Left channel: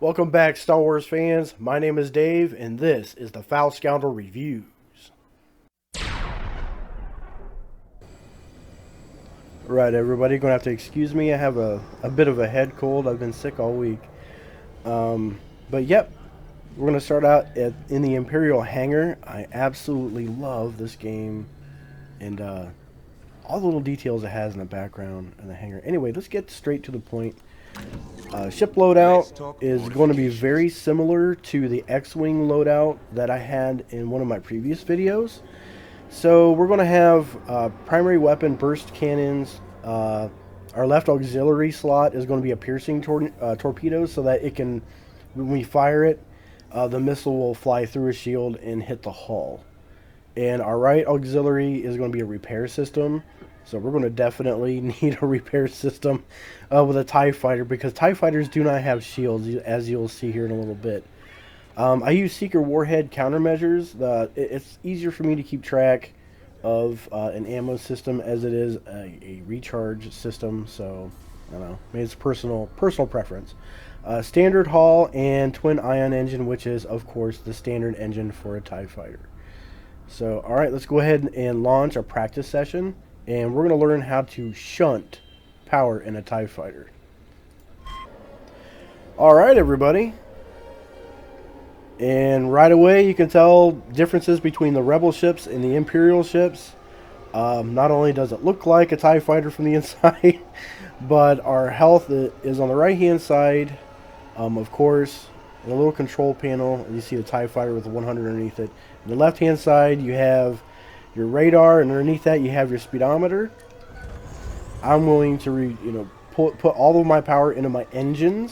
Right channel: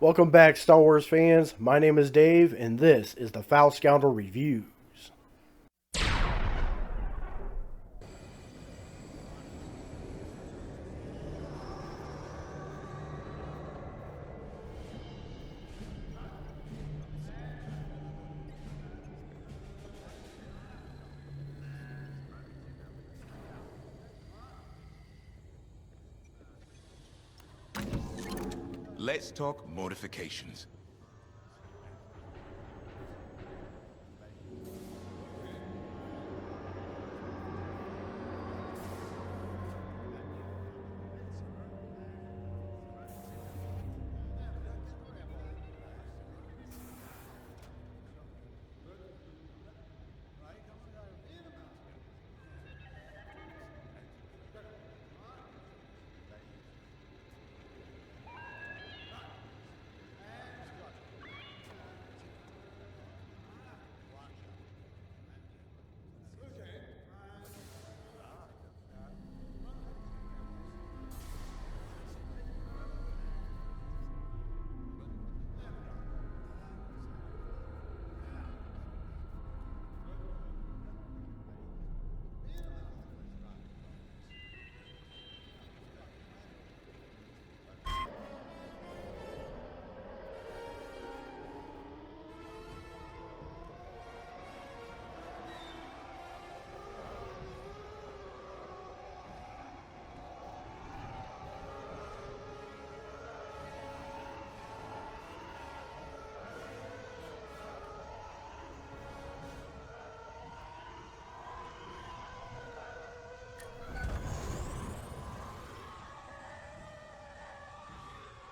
Welcome back, Star Wars fans. My name is Dave, and this is the Foul Scoundrel Reviews. Right, everybody, gonna have to excuse me. I have a bit of a head cold. I've been sick all week. Um, but yep, we're gonna start out in the Imperial Hangar. I absolutely love this game, and all the little details it has in the background and the hangar. Anyway, let's get straight to the point. Ship loadout is going to be very similar to the X-Wing loadout that I had in one of my previous videos. So we're going to have primary weapon burst cannons. Our left auxiliary slot is going to be a piercing torpedo so that it can, when we fire it, the missile will fly through a shield and hit the hull. And our right auxiliary is going to be a repair system. So we're going to definitely need a repair system with a TIE fighter, because TIE fighters do not have shields, as you'll see here in a little bit. I use Seeker Warhead countermeasures. It's easier for me to keep track of an ammo system as it is a recharge system. So I don't know, maybe it's personal preference. Standard hull and twin ion engine, which is of course the standard engine for a TIE fighter. So alright, let's go ahead and launch our practice session, and we're going to learn how to shunt power in a TIE fighter. Alright, everybody. And right away you can tell differences between the Rebel ships and the Imperial ships. Not only does it look like a TIE fighter from the inside, but our health is on the right hand side. Of course, the little control panel, you see the TIE fighter with the 100 underneath it. On the left hand side you have your radar, and underneath that you have your speedometer. I'm willing to put all of my power into my engines.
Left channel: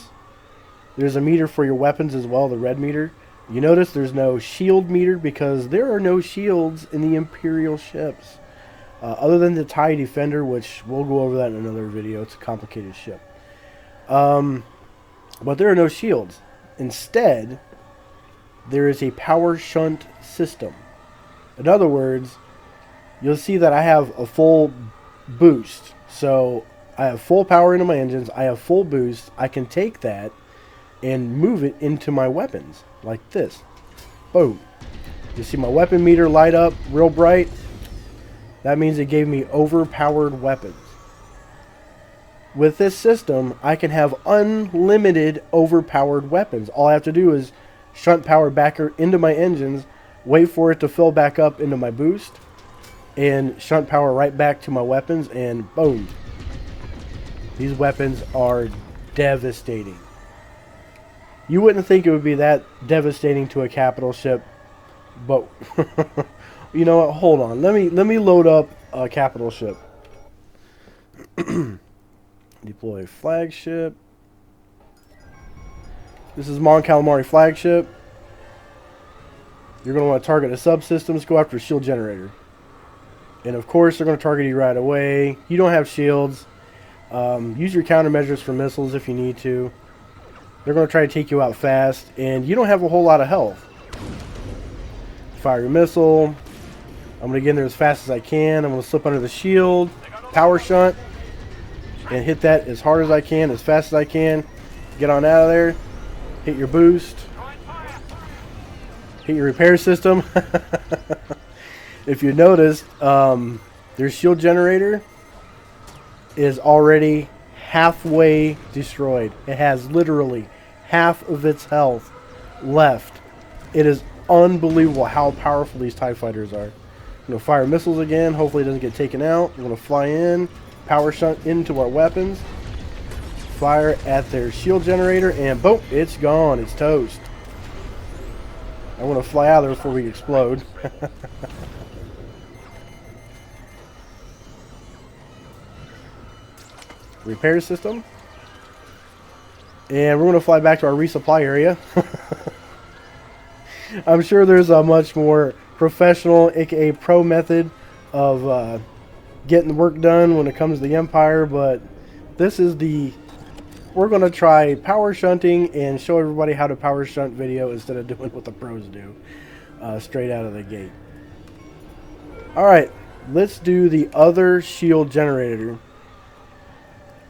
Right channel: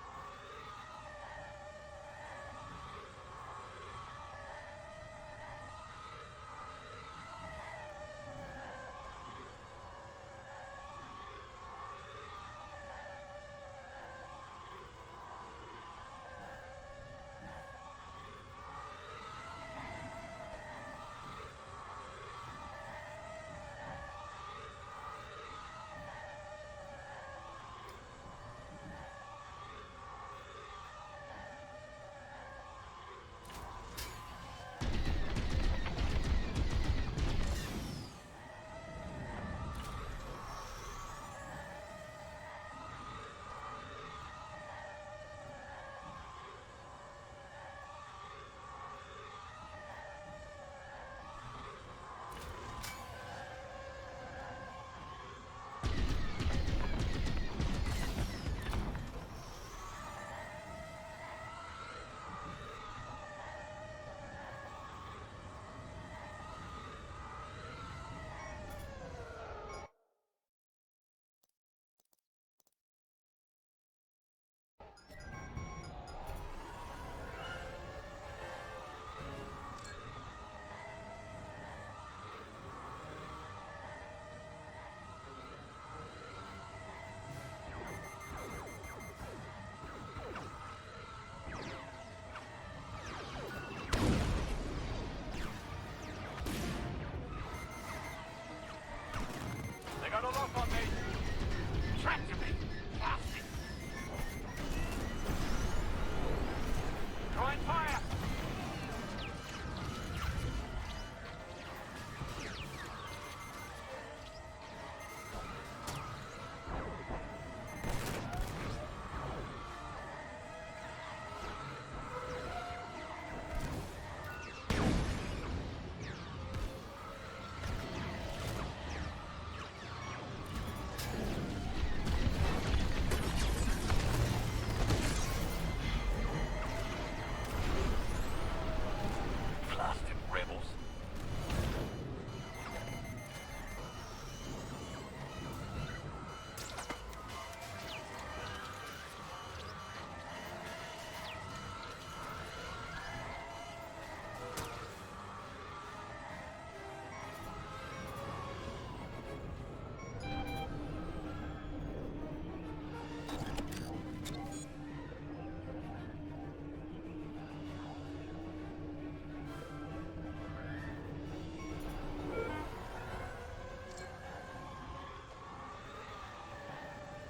There's a meter for your weapons as well, the red meter. You notice there's no shield meter because there are no shields in the Imperial ships. Other than the TIE Defender, which we'll go over that in another video. It's a complicated ship. But there are no shields. Instead, there is a power shunt system. In other words, you'll see that I have a full boost. So I have full power into my engines. I have full boost. I can take that and move it into my weapons like this. Boom. You see my weapon meter light up real bright? That means it gave me overpowered weapons. With this system, I can have unlimited overpowered weapons. All I have to do is shunt power back into my engines, wait for it to fill back up into my boost, and shunt power right back to my weapons, and boom. These weapons are devastating. You wouldn't think it would be that devastating to a capital ship, but you know what? Hold on. Let me load up a capital ship. Deploy flagship. This is Mon Calamari flagship. You're going to want to target the subsystems. Go after a shield generator. And of course, they're going to target you right away. You don't have shields. Use your countermeasures for missiles if you need to. They're going to try to take you out fast, and you don't have a whole lot of health. Fire your missile. I'm going to get in there as fast as I can. I'm going to slip under the shield, power shunt, and hit that as hard as I can, as fast as I can. Get on out of there. Hit your boost. Hit your repair system. If you notice, their shield generator is already halfway destroyed. It has literally half of its health left. It is unbelievable how powerful these TIE fighters are. I'm going to fire missiles again. Hopefully it doesn't get taken out. We're going to fly in, power shunt into our weapons, fire at their shield generator, and boom, it's gone. It's toast. I want to fly out of there before we explode. Repair system. And we're going to fly back to our resupply area. I'm sure there's a much more professional, aka pro method of getting the work done when it comes to the Empire, but this is we're going to try power shunting and show everybody how to power shunt video instead of doing what the pros do straight out of the gate. Alright, let's do the other shield generator.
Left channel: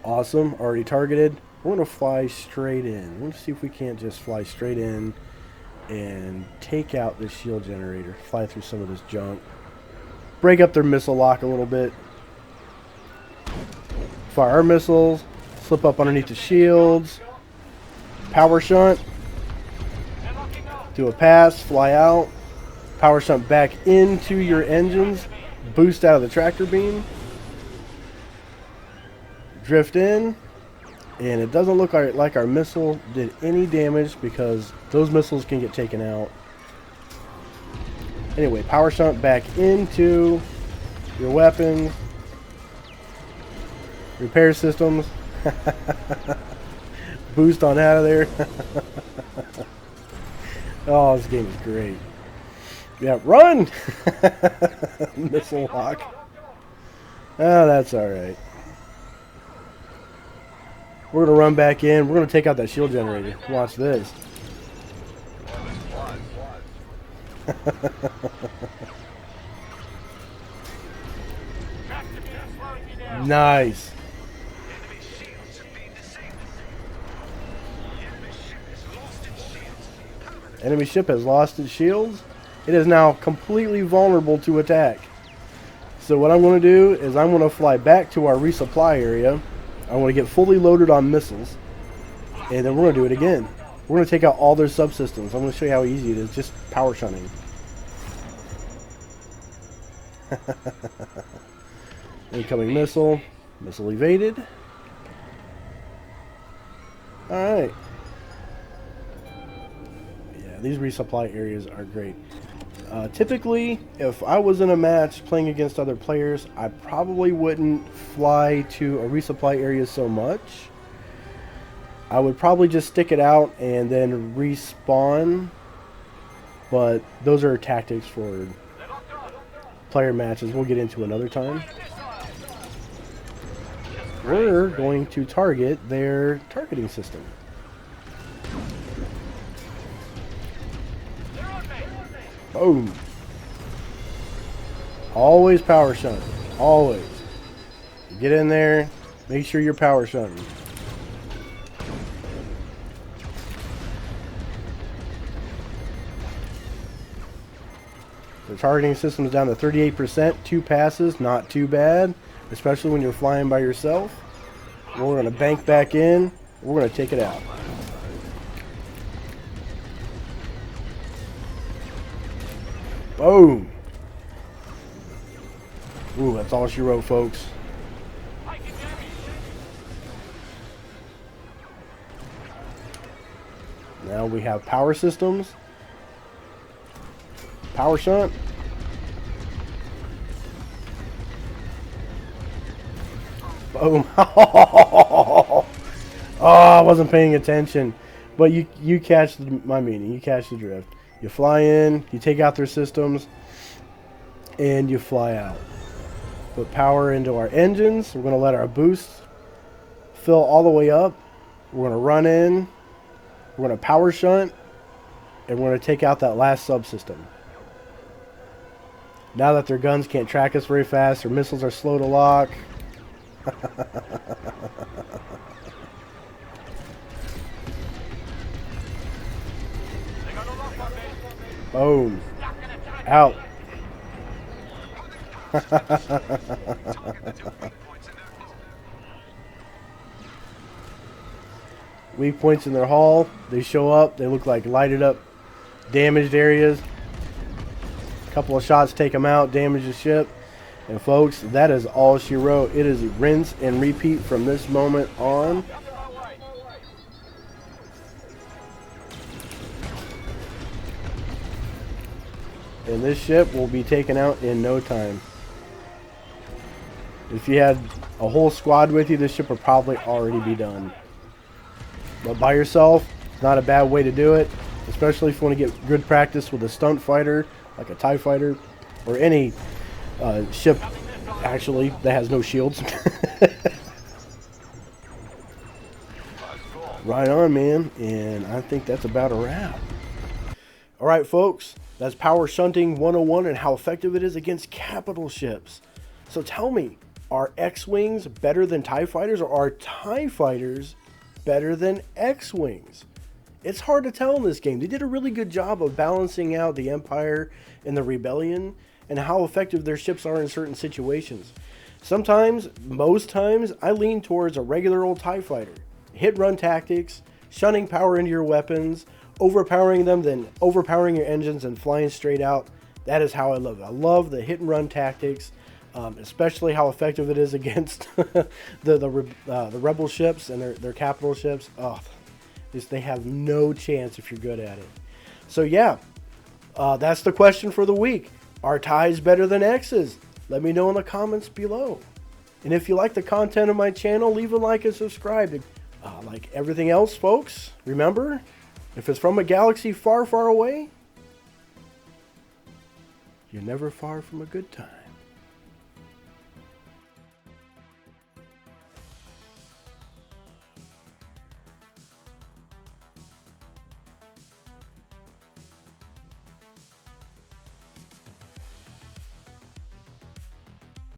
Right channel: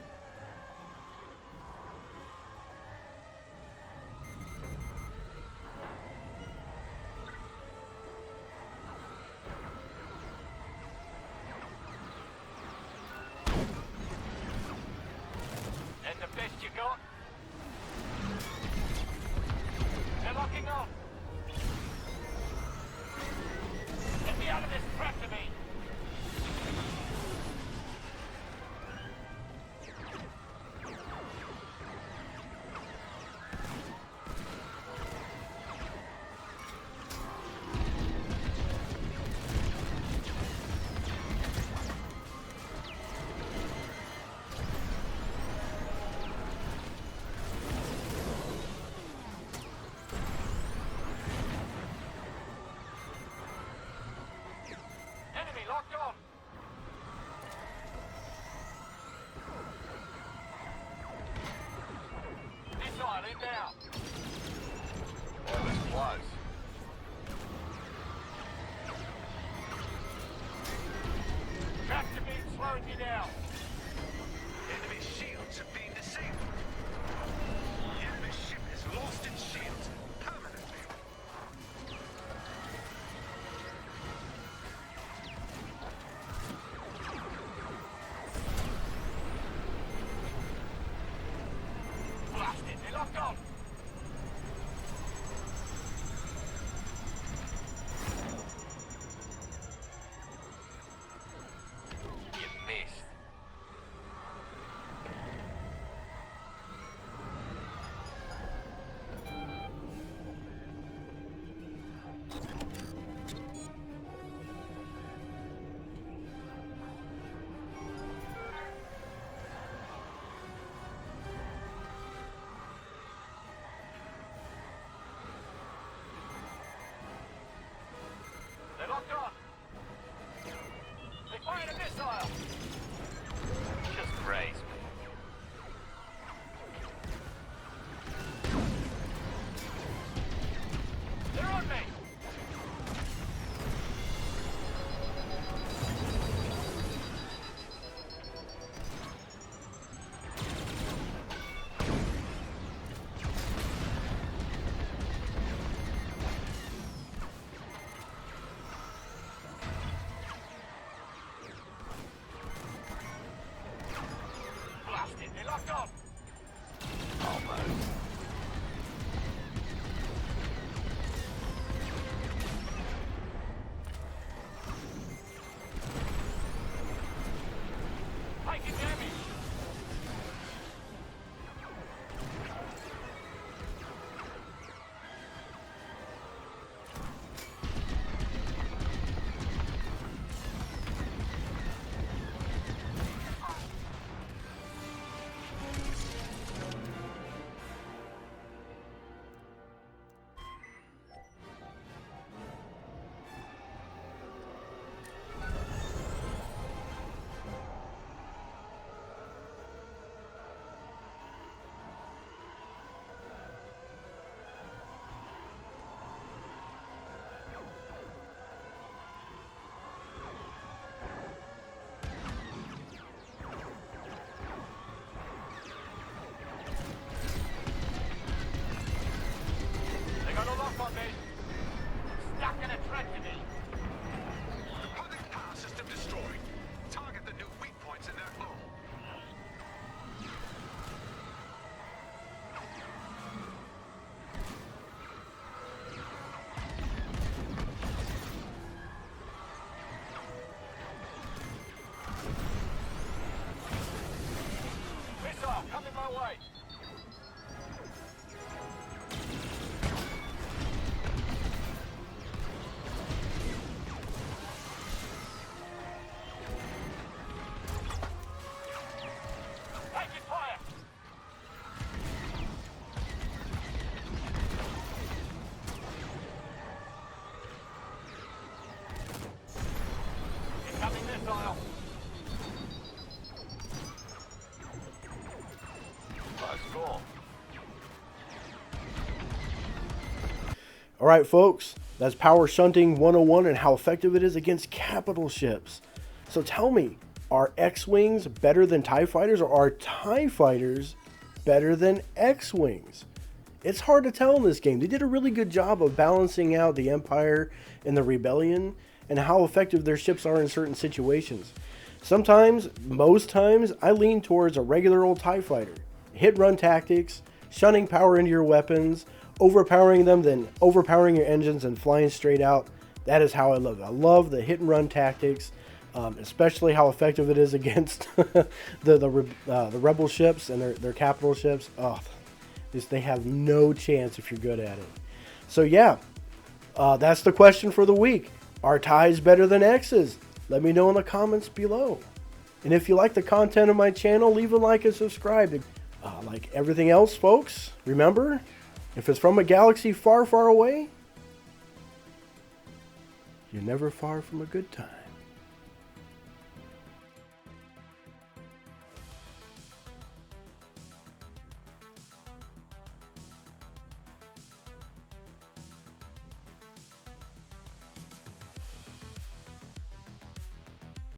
Awesome, already targeted. We're going to fly straight in. Let's see if we can't just fly straight in and take out this shield generator. Fly through some of this junk. Break up their missile lock a little bit. Fire our missiles. Slip up underneath the shields. Power shunt. Do a pass. Fly out. Power shunt back into your engines. Boost out of the tractor beam. Drift in. And it doesn't look like our missile did any damage because those missiles can get taken out. Anyway, power shunt back into your weapons. Repair systems. Boost on out of there. Oh, this game is great. Yeah, run! Missile lock. Oh, that's alright. We're going to run back in. We're going to take out that shield generator. Watch this. Nice. Enemy ship has lost its shields. It is now completely vulnerable to attack. So what I'm going to do is I'm going to fly back to our resupply area. I want to get fully loaded on missiles, and then we're going to do it again. We're going to take out all their subsystems. I'm going to show you how easy it is, just power shunting. Incoming missile. Missile evaded. Alright. Yeah, these resupply areas are great. Typically, if I was in a match playing against other players, I probably wouldn't fly to a resupply area so much. I would probably just stick it out and then respawn. But those are tactics for player matches we'll get into another time. We're going to target their targeting system. Boom. Always power shunt. Always. Get in there. Make sure you're power shunting. The targeting system is down to 38%. 2 passes, not too bad. Especially when you're flying by yourself. We're going to bank back in. We're going to take it out. Boom. Ooh, that's all she wrote, folks. Now we have power systems. Power shunt. Boom. Oh, I wasn't paying attention. But you catch my meaning. You catch the drift. You fly in, you take out their systems, and you fly out. Put power into our engines. We're going to let our boost fill all the way up. We're going to run in. We're going to power shunt. And we're going to take out that last subsystem. Now that their guns can't track us very fast, their missiles are slow to lock. Boom. Out. Weak points in their hull. They show up. They look like lighted up, damaged areas. A couple of shots take them out, damage the ship. And folks, that is all she wrote. It is rinse and repeat from this moment on. And this ship will be taken out in no time. If you had a whole squad with you, this ship would probably already be done. But by yourself, not a bad way to do it. Especially if you want to get good practice with a stunt fighter, like a TIE fighter, or any ship, actually, that has no shields. Right on, man. And I think that's about a wrap. Alright, folks. That's Power Shunting 101 and how effective it is against capital ships. So tell me, are X-Wings better than TIE Fighters, or are TIE Fighters better than X-Wings? It's hard to tell in this game. They did a really good job of balancing out the Empire and the Rebellion and how effective their ships are in certain situations. Sometimes, most times, I lean towards a regular old TIE fighter. Hit-run tactics, shunting power into your weapons, overpowering them, then overpowering your engines and flying straight out. That is how I love it. I love the hit-and-run tactics, especially how effective it is against the Rebel ships and their capital ships. Oh, they have no chance if you're good at it. So yeah, that's the question for the week. Are TIEs better than X's? Let me know in the comments below. And if you like the content of my channel, leave a like and subscribe. Like everything else, folks, remember, if it's from a galaxy far, far away, you're never far from a good time.